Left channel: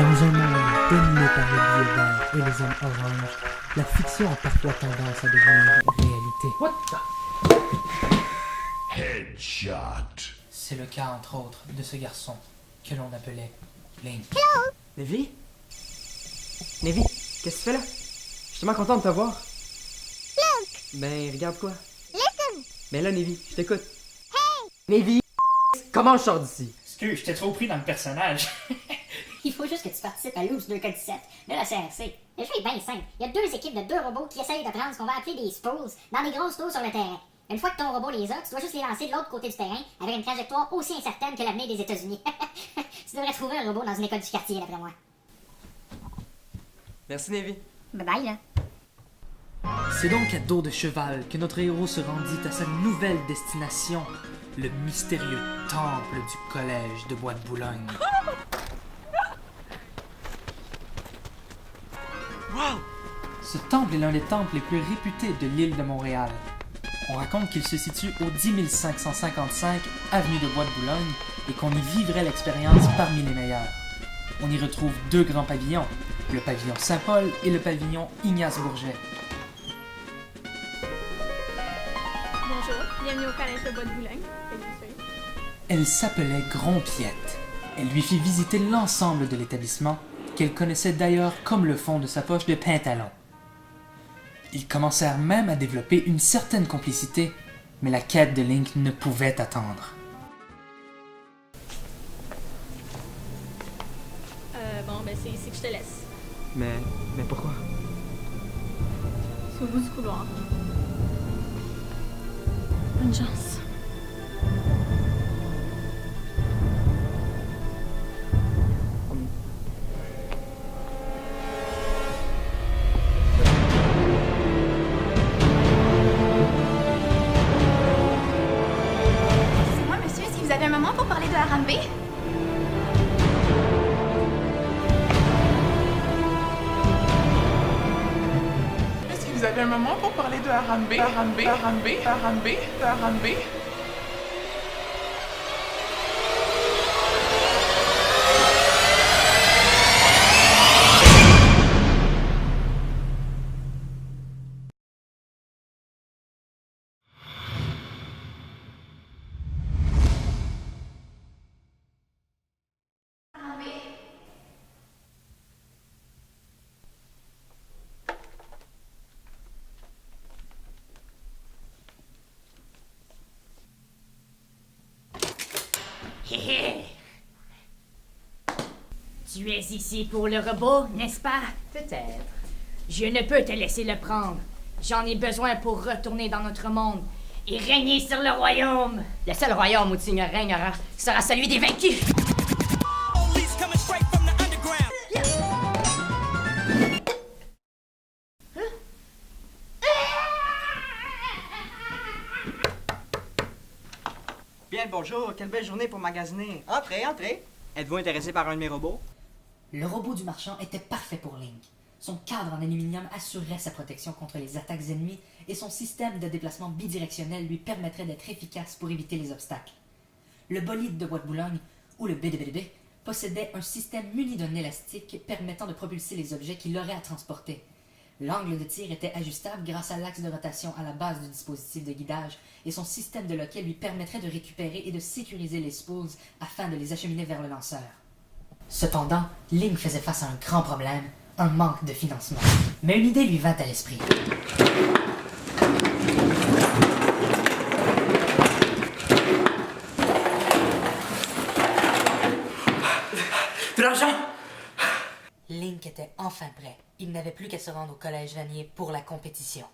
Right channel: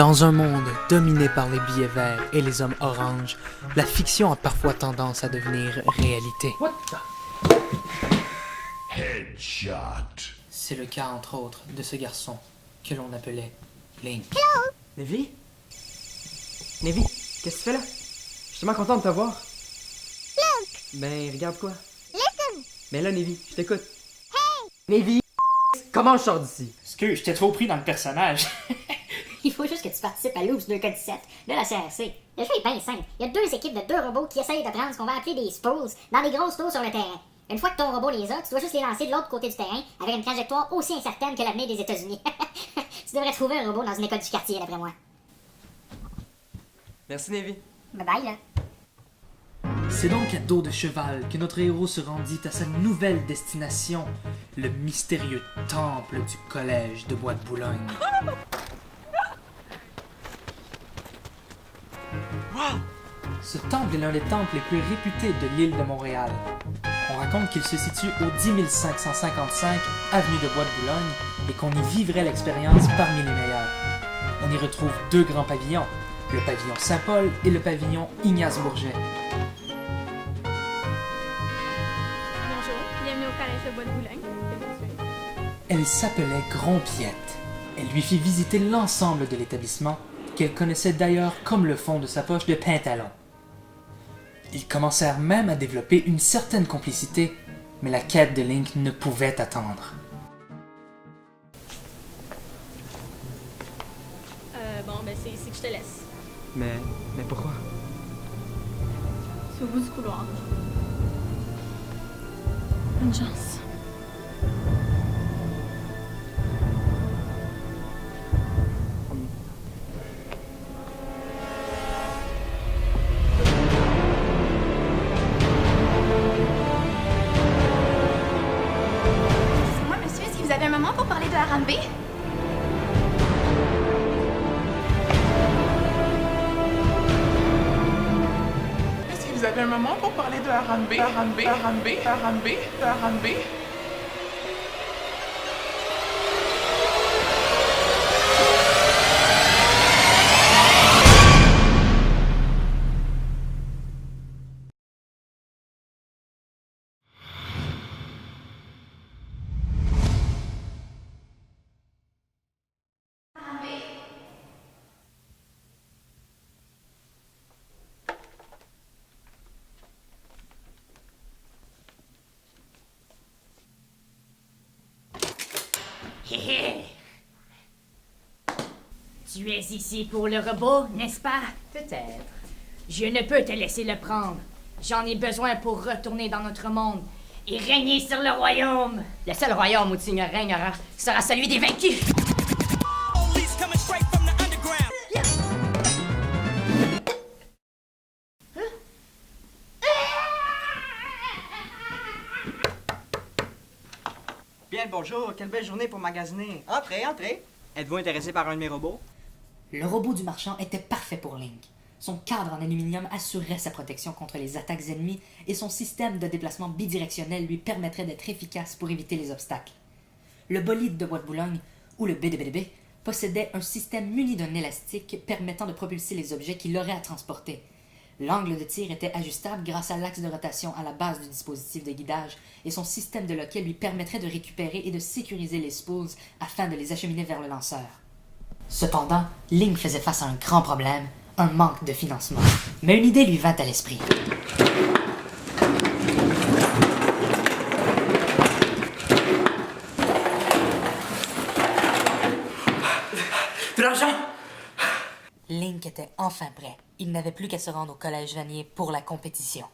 Dans un monde dominé par le billet vert et les hommes oranges, la fiction a parfois tendance à devenir réalité. Headshot. C'est le cas, entre autres, de ce garçon que l'on appelait Link. Hello. Link. Listen. Hey. Excuse, j'étais trop pris dans le personnage. Il faut juste que tu participes à l'Ops 2K17 de la CRC. Le jeu est bien simple. Il y a deux équipes de deux robots qui essayent de prendre ce qu'on va appeler des spools dans des grosses tours sur le terrain. Une fois que ton robot les a, tu dois juste les lancer de l'autre côté du terrain avec une trajectoire aussi incertaine que l'avenir des États-Unis. Tu devrais trouver un robot dans une école du quartier, d'après moi. Bye bye, là. C'est donc à dos de cheval que notre héros se rendit à sa nouvelle destination, le mystérieux temple du collège de Bois de Boulogne. Ce temple est l'un des temples les plus réputés de l'île de Montréal. On raconte qu'il se situe au 10 555 avenue de Bois de Boulogne et qu'on y vivrait l'expérience parmi les meilleurs. On y retrouve deux grands pavillons, le pavillon Saint-Paul et le pavillon Ignace Bourget. Elle s'appelait Grompiette. Elle lui fit visiter l'ensemble de l'établissement, qu'elle connaissait d'ailleurs comme le fond de sa poche de pantalon. Ils commencèrent même à développer une certaine complicité, mais la quête de Link ne pouvait attendre. Le robot du marchand était parfait pour Link. Son cadre en aluminium assurait sa protection contre les attaques ennemies et son système de déplacement bidirectionnel lui permettrait d'être efficace pour éviter les obstacles. Le bolide de Bois de Boulogne, ou le BDBDB, possédait un système muni d'un élastique permettant de propulser les objets qu'il aurait à transporter. L'angle de tir était ajustable grâce à l'axe de rotation à la base du dispositif de guidage et son système de loquet lui permettrait de récupérer et de sécuriser les spools afin de les acheminer vers le lanceur. Cependant, Link faisait face à un grand problème, un manque de financement. Mais une idée lui vint à l'esprit. De l'argent! Link était enfin prêt. Il n'avait plus qu'à se rendre au collège Vanier pour la compétition.